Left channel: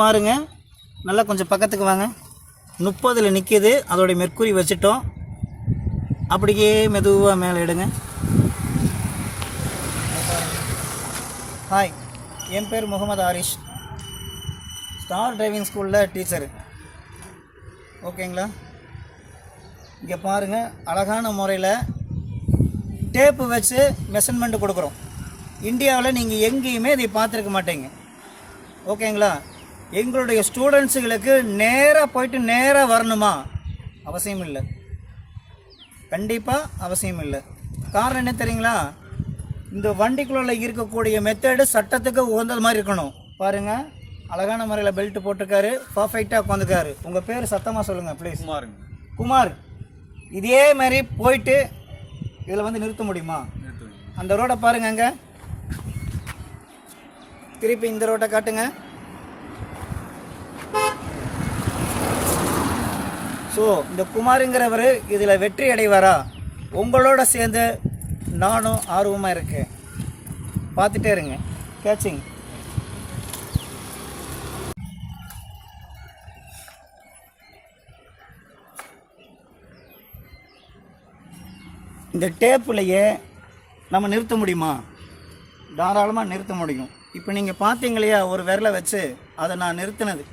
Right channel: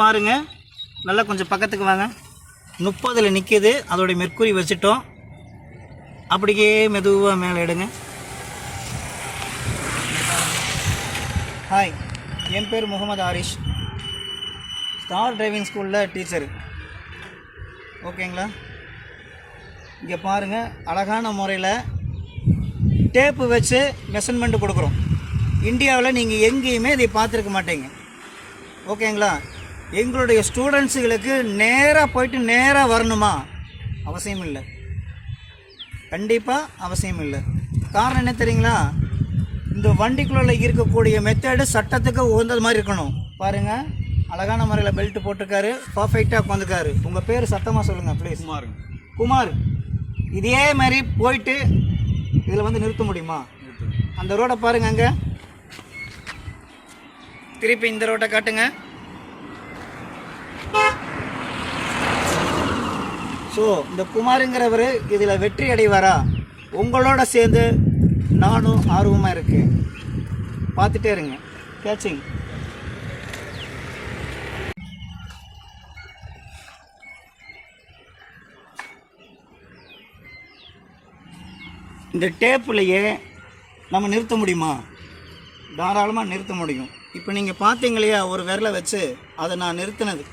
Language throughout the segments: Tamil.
பாருங்க, நல்லா கொஞ்சம் பக்கத்துக்கு வாங்க. 30ல் நிற்கிது. அதோடைய மெர்க்குரி வச்சுட்டோம். அப்படியே மெதுவாக மேலே எடுங்க. ஹாய், என் பேர் முகமது ஆரிஷ். ஸ்டார் டிரைவிங் ஸ்கூலில் டீச்சரு. ஓகேங்களா? இங்கே பாருங்கள், அழகான முறையில் டேப்பு வச்சு மெஷர்மெண்ட்டு கொடுக்குறோம். இந்தியாவில் நீங்கள் எங்கேயுமே இதை பார்த்துருக்க மாட்டீங்க. ஓகேங்களா? எங்களுடைய ஸ்டூடெண்ட்ஸுகளுக்கு நேராக போயிட்டு நேராக வரணுமா? அவசியம் இல்லை, கண்டிப்பாக அவசியம் இல்லை. காரணம் என்ன தெரியுங்களா? இந்த வண்டிக்குள்ள இருக்கக்கூடிய மெத்தடு சட்டத்துக்கு உகந்தது மாதிரி இருக்கணும். பாருங்கள், அழகான முறையில் பெல்ட் போட்டிருக்காரு, பர்ஃபெக்டாக உட்காந்துக்காரு. உங்கள் பேர் சத்தமாக சொல்லுங்கள் ப்ளீஸ். குமார். இதே மாதிரி போயிட்டு இதில் வந்து நிறுத்த முடியுமா? அந்த ரோடை பாருங்க, அங்கே திருப்பி இந்த ரோட்டை காட்டுங்க. ஸோ இந்த குமாருங்கிறவர் இதில் வெற்றி அடைவாரா? உங்களோட சேர்ந்து நானும் ஆர்வமாக இருக்கேன். பார்த்துட்டே இருங்க. கேட்சிங். இந்த டேப்புலையே நம்ம நிறுத்த முடியுமா? தாராளமாக நிறுத்த முடியும். இப்போ நீங்கள் பார்த்தீங்க இல்லையா, ஒரு விரலை வச்சு அதை நான் நிறுத்தினது.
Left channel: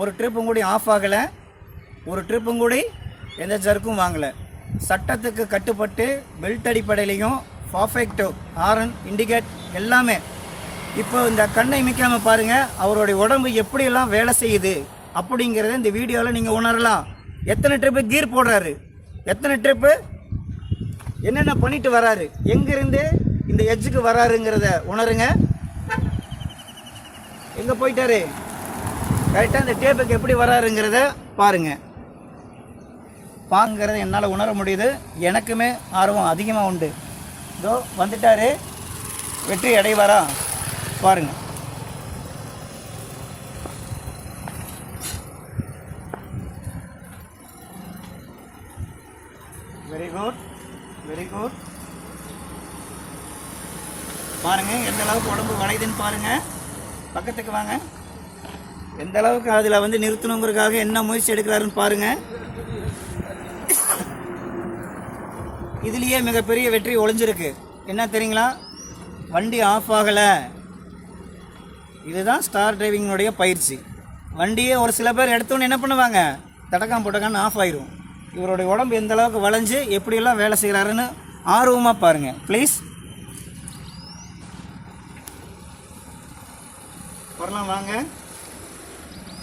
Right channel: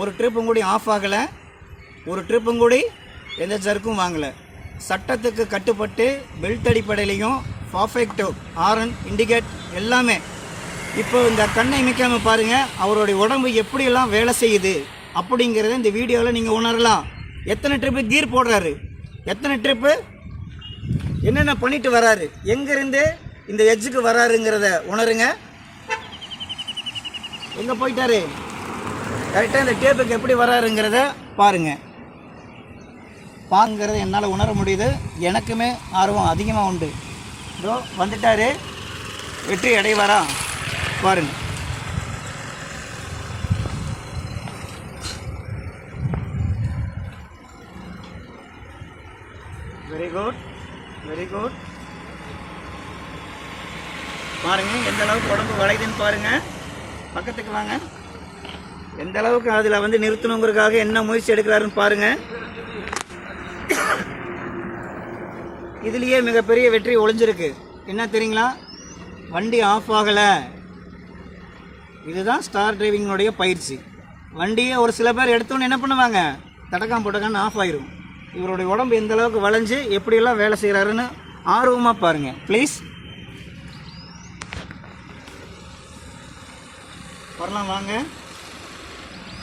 ஒரு ட்ரிப்பும் கூடி ஆஃப் ஆகலை, ஒரு ட்ரிப்பும் கூடி எந்த ஜர்க்கும் வாங்கலை. சட்டத்துக்கு கட்டுப்பட்டு பெல்ட் அடிப்படையிலையும் பர்ஃபெக்டோ ஹாரன் இண்டிகேட் எல்லாமே. இப்போ இந்த கண்ணை இமைக்காமல் பாருங்கள், அவருடைய உடம்பு எப்படியெல்லாம் வேலை செய்யுது அப்படிங்கிறத இந்த வீடியோவில் நீங்கள் உணரலாம். எத்தனை ட்ரிப்பு கீர் போடுறாரு, எத்தனை ட்ரிப்பு என்னென்ன பண்ணிட்டு வராரு, எங்கேருந்து இந்த எட்ஜுக்கு வராருங்கிறத உணருங்க. எங்கே போயிட்டாரு, கரெக்டாக இந்த டேப்புக்கு எப்படி வராருங்கிறத பாருங்கள். பாங்கிறத என்னால் உணர முடியுது. எனக்குமே ஆர்வம் அதிகமாக உண்டு. இதோ வந்துட்டாரு, வெற்றி அடைவாரா பாருங்கள். Very good, very good. பாருங்கள் எந்த அளவுக்கு உடம்பு வளையுதுன்னு பாருங்கள். பக்கத்துக்கு வாங்க. எந்த அளவுக்கு அதில் வந்து நிறுத்தணுங்கிறதுக்காக என்ன முயற்சி எடுக்கிறாருன்னு பாருங்கள். இதுலேயே மிகப்பெரிய வெற்றி ஒளிஞ்சிருக்கு. என்ன தெரியுங்களா? வண்டி ஆஃப் ஆகலை. இதுதான் ஸ்டார் டிரைவிங்கினுடைய பயிற்சி. வண்டியை ஒரு சில பேர் எடுத்தோன்னு என்ன பண்ணுவாங்க, தடக்காம போட்டக்கான்னு ஆஃப் ஆயிரும். இவருடைய உடம்பு எந்த அளவுக்கு வளைஞ்சு எப்படியெல்லாம் வேலை செய்கிறாருன்னு ஆர்வமாக பாருங்கள் ப்ளீஸ். வரலாம் வாங்க,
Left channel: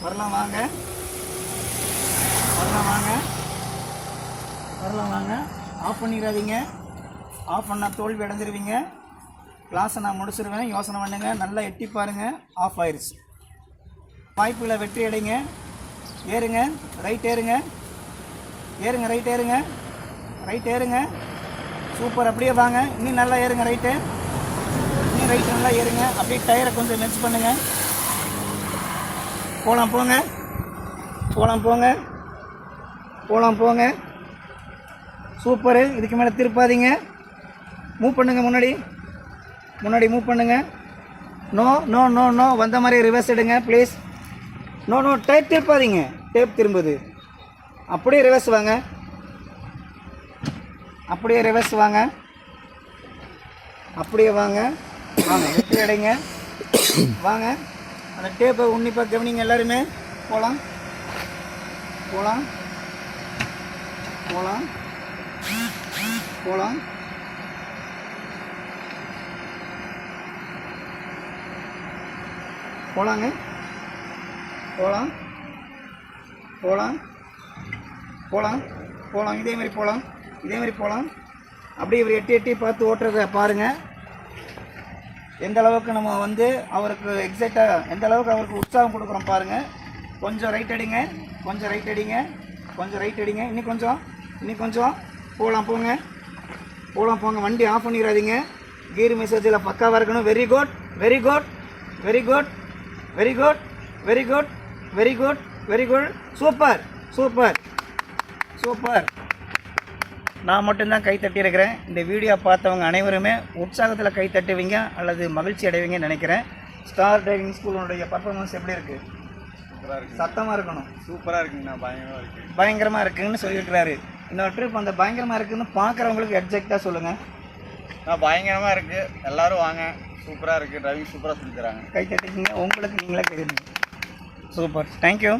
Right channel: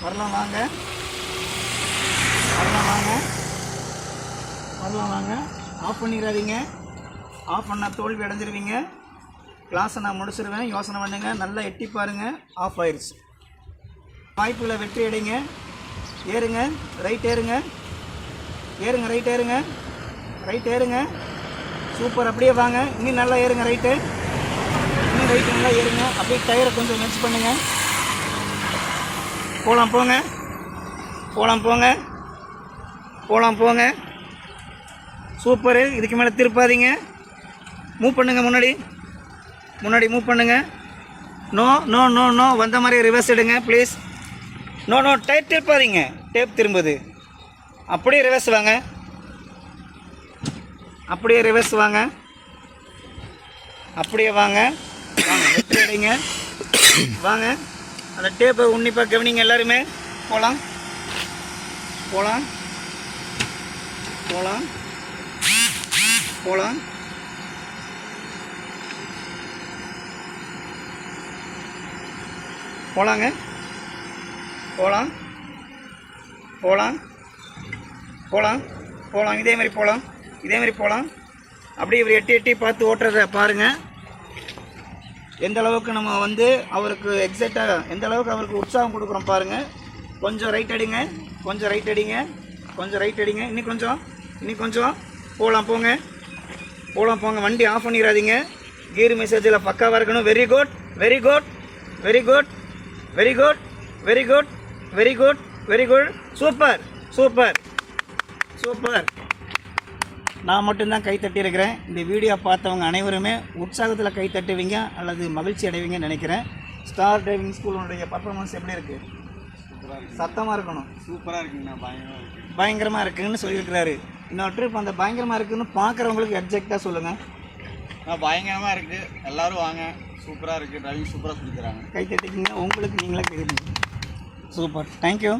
வரலாம் வாங்க, வரலாம் வாங்க, வரலாம் வாங்க. ஆஃப் பண்ணிடாதீங்க. ஆஃப் பண்ணால் தோல்வி அடைஞ்சிருவீங்க. கிளாஸை நான் முடிச்சிருவேன், யோசனை பண்ணுங்க. நல்லா எட்டி பாருங்கள். ஆஃப் ஆயிடுச்சு. வாய்ப்புகளை வெற்றி அடைங்க. ஏறுங்க, ரைட் ஏறுங்க, ஏறுங்க, ரைட் ஏறுங்க, ரைட் ஏறுங்க. சூப்பர். அப்படியே வாங்க, இன்னும் நல்லா ஏறுங்க. ரைட்டு, இன்னும் ரைட்டு நல்லா ஏறுங்க. அப்படியே டயரை கொஞ்சம் மென்ச் பண்ணுங்க. போகலாம் போங்க, போகலாம் போங்க, போகலாம் போங்க. சூப்பரு. இதுக்கு மேலே திருப்பாதீங்க. மூவ் பண்ணுங்க, முன்னாடி முன்னாடி மூவ் பண்ணுங்க. நோ நோ நோ நோ, வந்த மாதிரி ரிவர்ஸ் எடுங்க ப்ளீஸ். நோ நோ, டைட் திருப்பாதீங்க. டேப் திரும்புது. அப்படியே ரிவர்ஸ் வாங்க, அப்படியே ரிவர்ஸ் வாங்க, அப்படியே வாங்க. வெற்றி அடைங்க. வாங்க, அந்த டேப்பை உன்னிப்பாக கவனிங்க எல்லாருமே. போகலாம் போகலாம் போகலாம் போகலாம். போகலாங்க, போகலாம் போகலாம் போகலாம் போகலாம். இதேமாரி போகலாம், இதேமாரி போகலாம். அப்படியே இவர் எட்டி எட்டி பார்த்து ஓட்டுறத பாருங்கள். எந்த அளவுக்கு நம்ம வந்து அவருக்கு எக்ஸைட்டாக, எந்த அளவுக்கு அவருக்கு உற்சாகம் கொடுக்குறோம் பாருங்கள். கொஞ்சம் ரைட் அடிங்க, கொஞ்சம் ரைட் அடிங்க, கொஞ்சம் ரைட் அடிங்க. இன்னும் கொஞ்சம், இன்னும் கொஞ்சம். போகலாம் போங்க, போகலாம் போங்க. வண்டி ஆஃப் பண்ணிடாதீங்க. கீர் மெசேஜில் பக்காவாக இருக்கணும். Very good, very good, very good, very good, very good, very good, very good. Super super super. நான் மட்டும்தான் கை தட்டியிருக்கிறேன். இந்த வீடியோ பார்த்தவங்க அனைவருமே உற்சாகத்தில் கை தட்டுவீங்க அல்லது மகிழ்ச்சி அடைவீங்கன்னு நினைக்கிறேன். ஸ்டார் டிரைவிங் ஸ்கூலுடைய பர்ஃபார்மன்ஸ் எப்படி இருக்குது? சூப்பராக இருக்குது. சத்தமாக இருக்கணும். சூப்பராக இருக்குங்கண்ணா. பயங்கரமாக இருக்குது. பயங்கரமாக இருக்குன்னு சொல்லியிருக்கிறாரு. இன்னொரு ட்ரிப் அந்த பயங்கரமாக இருக்குன்னு பார்க்குறவங்களுக்கு எக்ஸாக்டாக சொல்லுங்கள். பயங்கரமாக இருக்குது. எல்லோரும் வாங்க. சூப்பராக இருக்குது. டிரைவிங் சூப்பராக சொல்லி தராங்க. கை தட்டிக்கிங்க. உங்களுக்கு நீங்களே தெரியுங்க. சூப்பர். தேங்க்யூ.